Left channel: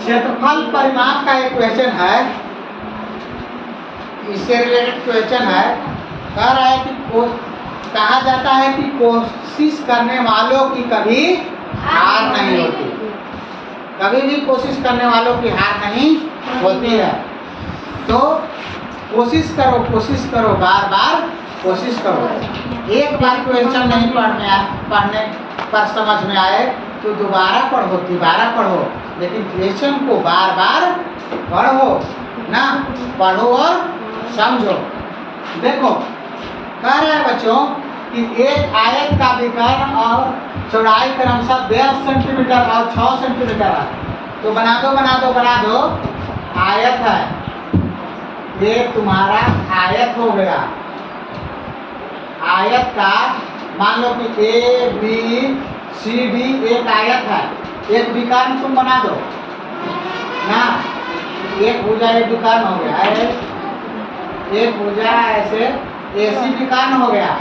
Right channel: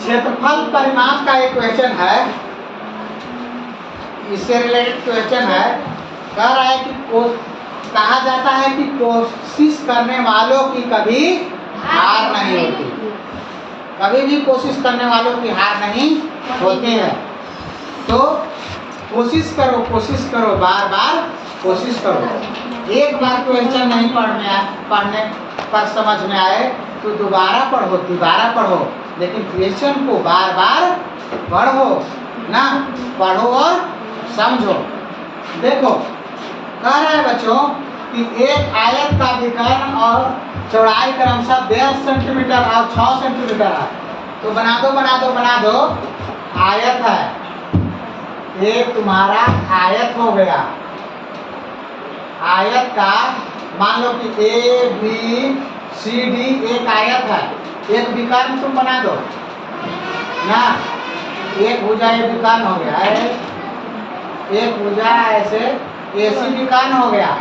क्षेत्रफल परिमाप का एक क्वेश्चन है, इससे रिलेटेड क्वेश्चन है। कह रहा है कि कहा जाता है कि कोशिश करने वालों की कभी हार नहीं होती, कभी भी कोशिश करने वालों की हार नहीं होती है। तो कोशिश करो, बार बार कोशिश करो। एक बार क्वेश्चन नहीं पढ़ने पर समझ में आए तो दोबारा पढ़ो, लेकिन क्वेश्चन को बार बार पढ़ो ना, पढ़ो और समझो। देखो कह रहा है बच्चों कि एक आयत का विकर्ण और चौड़ाई क्रमशः 10 सेंटीमीटर और 6 सेंटीमीटर है। तो बना दो आयत है, ये तुम्हारा आयत हो गया। आयत का मान लो कि ए बी सी डी एक आयत है, एक विकर्ण तुम बना दो ना, एक भुजा एक विकर्ण हो गया है, एक भुजा ऐसे ऐसी विकर्ण हो गया।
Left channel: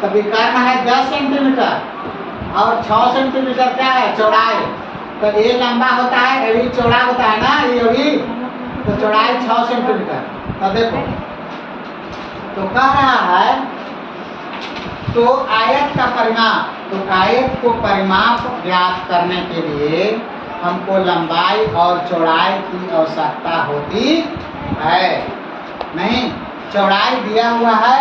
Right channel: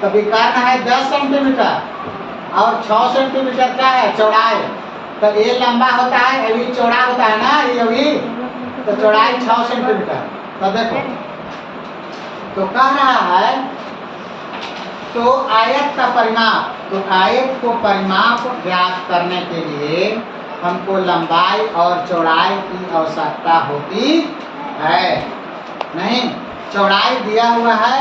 तो विकर्ण है 10 सेंटीमीटर और 6 सेंटीमीटर क्या है चौड़ाई। तो ये लंबा होता है, ये भी चौड़ा होता है ना, ये भी तो चौड़ाई 6 सेंटीमीटर। तो देखो तो कह रहा है तो आयत का परिमाप, तो आयत को परिमाप ज्ञात करने के लिए हमको लंबाई और चौड़ाई की आवश्यकता होती है। नहीं, चौड़ाई दिया हुआ है,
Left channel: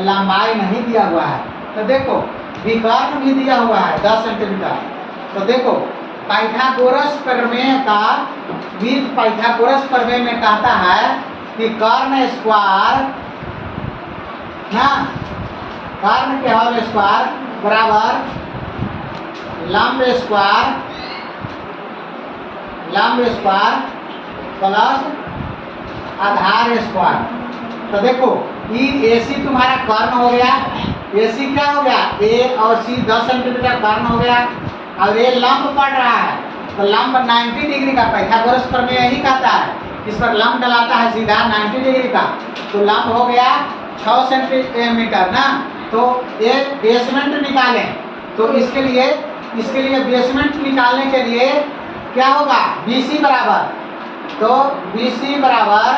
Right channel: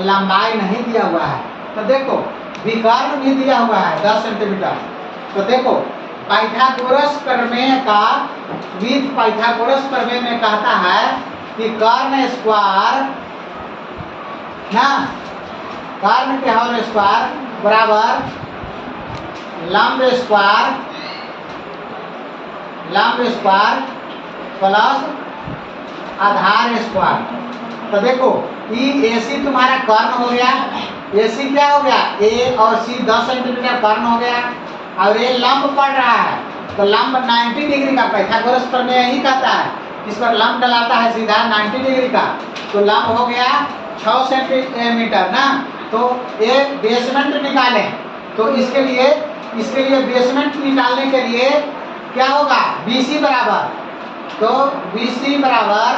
लंबाई नहीं दिया हुआ है। तो देखो विकर्ण भी दिया हुआ है 10 सेंटीमीटर। तो देखो पाइथागोरस प्रमेय का पाइथागोरस प्रमेय में कहता है कि कर्ण स्क्वायर ना, कर्ण के होल स्क्वायर बराबर लंब स्क्वायर प्लस आधार स्क्वायर। तो देखो ये AC तुम्हारा कर्ण हो गया, AC क्या हो गया A और C 10 सेंटीमीटर कर्ण हो गया, और ये लंब पड़ रहा है। तो लंब 90 डिग्री का, पाइथागोरस प्रमेय यही कहता है, इस पर लंब डलाता है सीधा 90 डिग्री का। तो लंब हो गया 6 सेंटीमीटर ना। तो ये बेसमेंट निकालें, तो इसके लिए बेसमेंट निकालने के लिए क्या होगा BC बराबर, तो BC बराबर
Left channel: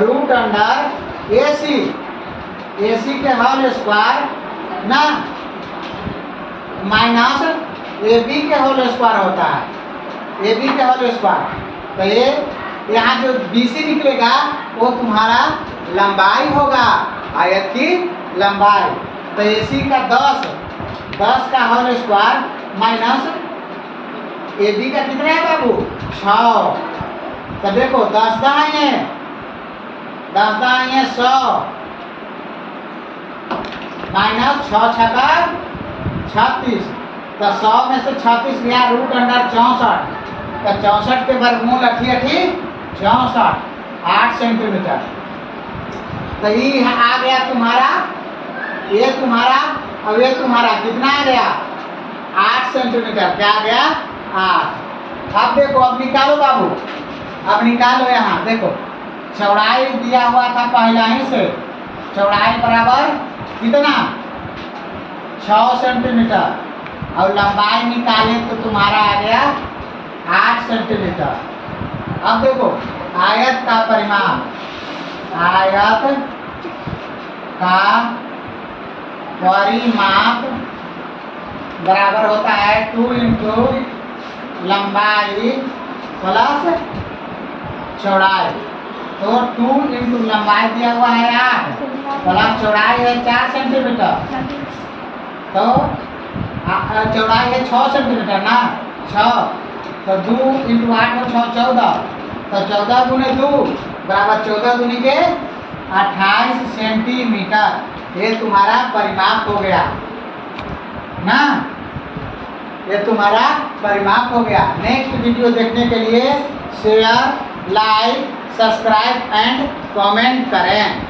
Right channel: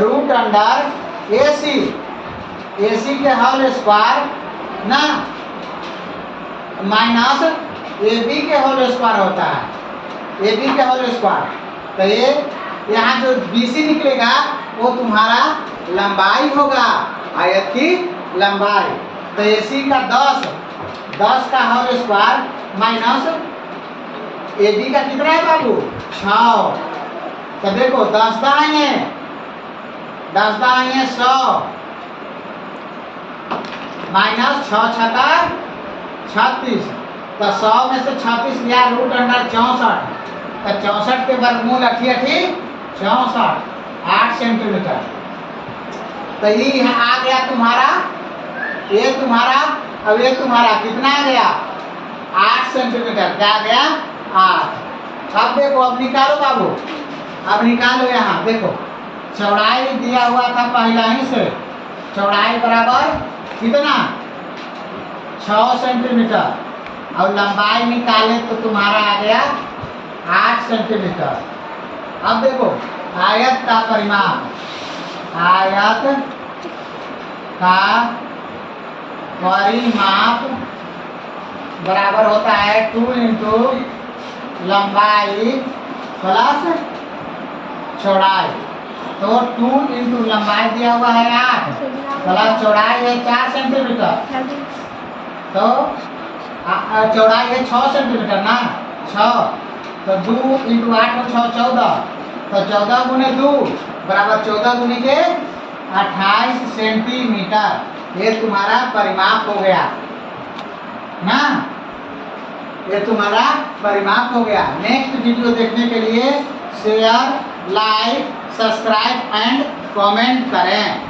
रूट अंडर AC के होल स्क्वायर ना माइनस AB के होल स्क्वायर होता है, AB के होल स्क्वायर। तो ये यहाँ जो BC निकलेगा वो तुम्हारा लंबाई होगा, आयत की लंबाई। तो AC का 10 का होल स्क्वायर माइनस AB का कितना है बाबू 6। तो देखो 10 दाएं 100 माइनस 6 छका 36। तो 100 में से 36 गया रूट अंडर 64। तो 64 के वर्गमूल 88 64 8 सेंटीमीटर। तो ये आ गया तुम्हारा, ये तुम्हारा, अब ये तुम्हारा कितना आ गया 8 सेंटीमीटर। क्या आ गया 8। अब देखो, अब निकालो बाबू, अब निकालो। यहाँ देखो चौड़ाई दिया हुआ था पहला ही से, चौड़ाई बराबर कितना 6 सेंटीमीटर, और लंबाई निकाले तो तुम्हारा आ गया 8 सेंटीमीटर। अब देखो आयत का परिमाप, आयत का परिमाप बराबर होता है 2 इंटू लंबाई प्लस चौड़ाई। तो 2 इंटू लंबाई दिया हुआ है 8 प्लस चौड़ाई है 4 सेंटीमीटर। तो चौड़ाई है 6 सेंटीमीटर ना, 6। तो 2 इंटू 8 6 14। तो 14 गुने 2 बराबर 14 गुने के 28 सेंटीमीटर। ये तुम्हारा परिमाप हो गया ना, ये तुम्हारा परिमाप हो गया। नेक्स्ट वीडियो देखने के लिए share, like, subscribe and comment करें।